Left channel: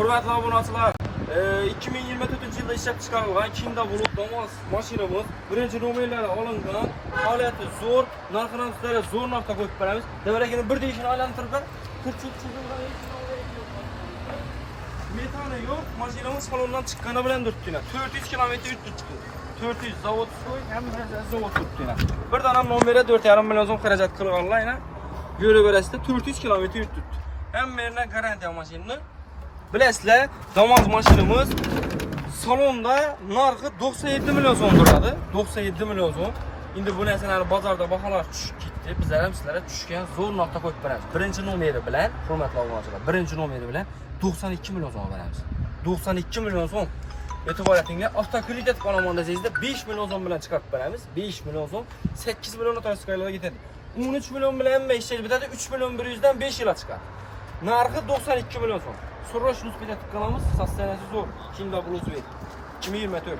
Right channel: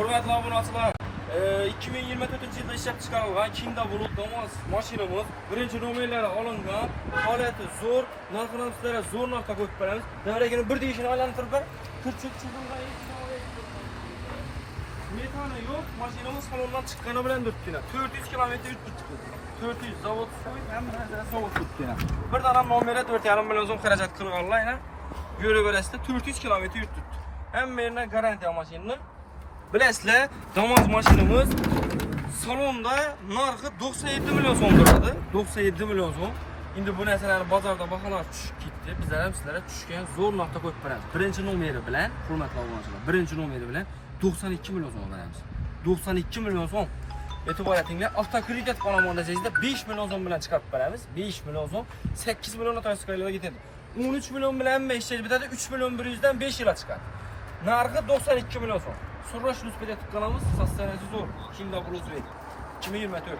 Hurmatli obunachilar, 2024-yilda ishlab chiqarilgan Kinda Bulut Damas mashinamiz birinchi nomerlari olingan, holati zo'r, narxini sizlarga zo'r narxda qo'yib beramiz. Demakki, bir deyishini aylantirib ber. Metani yo'q, mashinamiz salondan chiqqani bilan turibdi. 400 kilometr o'tib chiqdi. 400 zavod qo'y, hamma zavod turibdi. Birdan ham nomeri 4,5 million so'm xarajat qilganlar, ko'raverasizlar, 400 kilometr o'tib turibdi. Hamma yerda garantiya mashinani. Bilasizlar, Damas mashinamiz salonda narxi 97 million so'm turadi. 97 million so'm. Endi bu narsalarni bozorda baholar tushib ketdi. Bizlar ham sizlarga tushgan zo'r narxda qo'yib beramiz. Birinchi nomeri bilan, hurmatli obunachilar, birinchi nomeri bilan 92 million so'm beramiz. 92 million so'm. E'tibor etinglar, avtokredit qo'lamonda sizda 5 million so'm bilan chiqarib beramiz. 5 million so'm 8 million to'yskilarga ketadi. 13 million bilan ishlash bitadi, 3 million 100 dan 5 yilga chiqadi. Narxi 92 million so'm. Срочно успеть qilamiz, sostanasi zo'r. Kinda Bulut 2024.